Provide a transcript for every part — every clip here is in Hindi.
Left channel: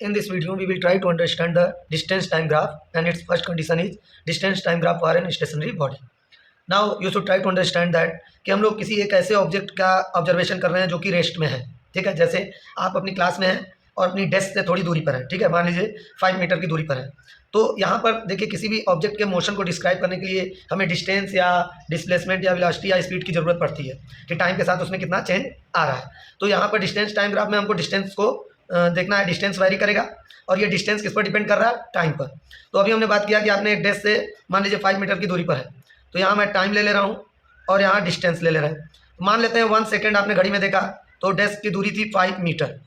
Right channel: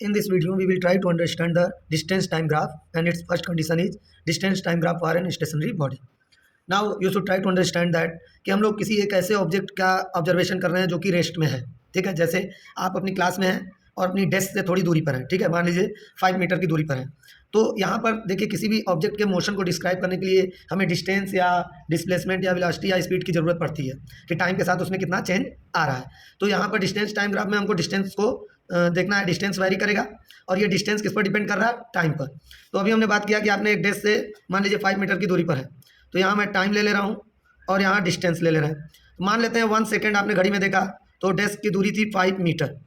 In this video, we will try to understand the distance time graph, and its first condition is distance time graph for an stationary body. Now you should try to understand that कि हम लोग किसी एक ऐसे ऑब्जेक्ट का ऑब्जर्वेशन कर रहे हैं जो कि रेस्ट में है, ठीक है। जैसे आप अपनी क्लास में हैं और अपनी डेस्क से थोड़ी दूरी पर है, ठीक है। मान लीजिए 5 मीटर की दूरी पर है। तो यहाँ पर देखिए, किसी भी ऑब्जेक्ट के मोशन को डिस्क्राइब करने के लिए हमें डिस्टेंस या डिस्प्लेसमेंट या वेलोसिटी या स्पीड की ज़रूरत पड़ती है कि टाइम के साथ उसमें कितना चेंज आ रहा है। तो यहाँ पर डिस्टेंस टाइम ग्राफ में हमको डिस्टेंस को देखना है। डिस्टेंस वैरी करेगा और ये डिस्टेंस किस पर डिपेंड कर रहा है? टाइम पर। तो अभी हमने बात किया कि आपने एक डेस्क से मान लीजिए 5 मीटर की दूरी पर है, तो यहाँ मैं टाइम ले रहा हूँ और यहाँ डिस्टेंस ले रहा है। मान लेते हैं 1 सेकेंड आपने घड़ी में देखा, तो डेस्क की दूरी थी 5 मीटर।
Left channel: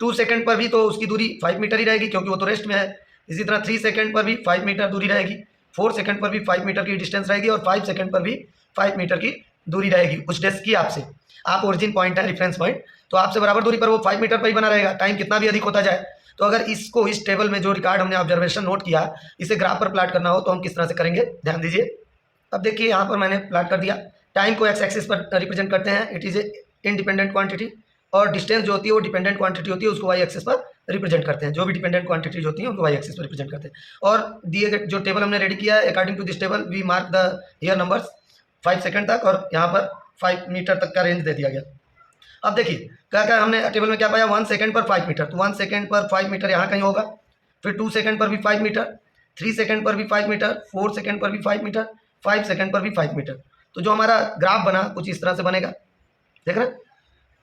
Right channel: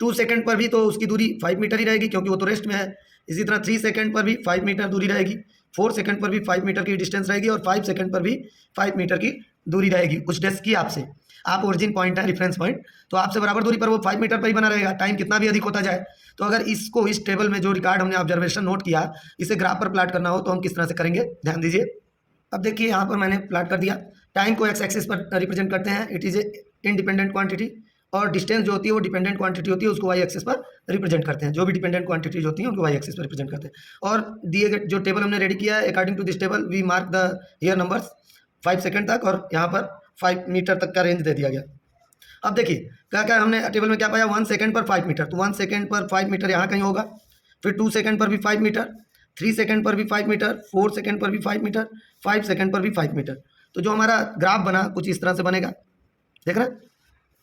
2 सेकेंड पर भी तो उसकी दूरी 5 मीटर ही रहेगी क्योंकि वो तो रेस्ट में है। इसी तरह 3 सेकेंड पर भी 5 मीटर दूरी रहेगी, 4 सेकेंड पर भी 5 मीटर की डिस्टेंस रहेगी और 5 सेकेंड पर भी 5 मीटर की दूरी रहेगी उस डेस्क की आपसे। आप ओरिजिन पॉइंट है, रेफरेंस पॉइंट, तो आपसे बराबर दूरी पर वो 5 मीटर पर ही बना रहेगा, टाइम कितना भी अधिक होता जाए। तो अगर इसको इस टेबल में जो रिकॉर्ड हमने ऑब्जर्वेशन नोट किया, इसे ग्राफ पर प्लाट करना हो तो हम किस तरह से करेंगे, ध्यान दीजिए। अब देखिए यहाँ पर मैंने प्लाट कर दिया। टाइम को एक्स एक्सिस पर रिप्रेजेंट करते हैं, it is a independent quantity, और डिस्टेंस जो होती है वो डिपेंडेंट क्वांटिटी होती है, उसको वाई एक्सिस पर रिप्रेजेंट करते हैं। जो भी डिपेंडेंट क्वांटिटीज होती हैं उनको वाई एक्सिस पर रिप्रेजेंट करते हैं। और दिए गए जो टेबल हमने रेडी किया है, according to this table we mark the year numbers 5 second तक, और यहाँ पर 5 मीटर तक का रेंज दे दिया गया। अब देखिए क्या क्या हमने टेबल में क्या पाया, 1 सेकंड पर 5 मीटर, तो 1 सेकंड पर 5 मीटर यहाँ कहीं होगा। फिर 2 सेकंड पर भी 5 मीटर, 3 सेकंड पर भी 5 मीटर, 4 सेकंड पर भी 5 मीटर, 5 सेकंड पर भी 5 मीटर। तो जो हमारा ग्राफ बना कुछ इस तरह से बनेगा, देख रहे हैं,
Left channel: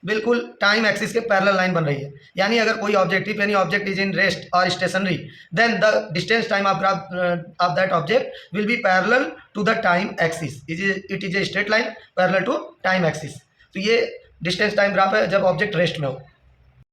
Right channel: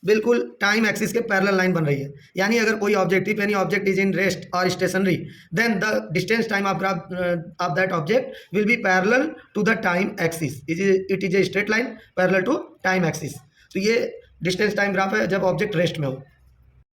बिल्कुल टाइम एक्सिस के पैरेलल लाइन बन रही है। यानी अगर कोई object, if any object is in rest और stationary, then the distance time of graph of that object will be parallel to the time axis. It is a straight line parallel to time axis. तो ये डिस्टेंस टाइम ग्राफ है जब ऑब्जेक्ट रेस्ट में हो।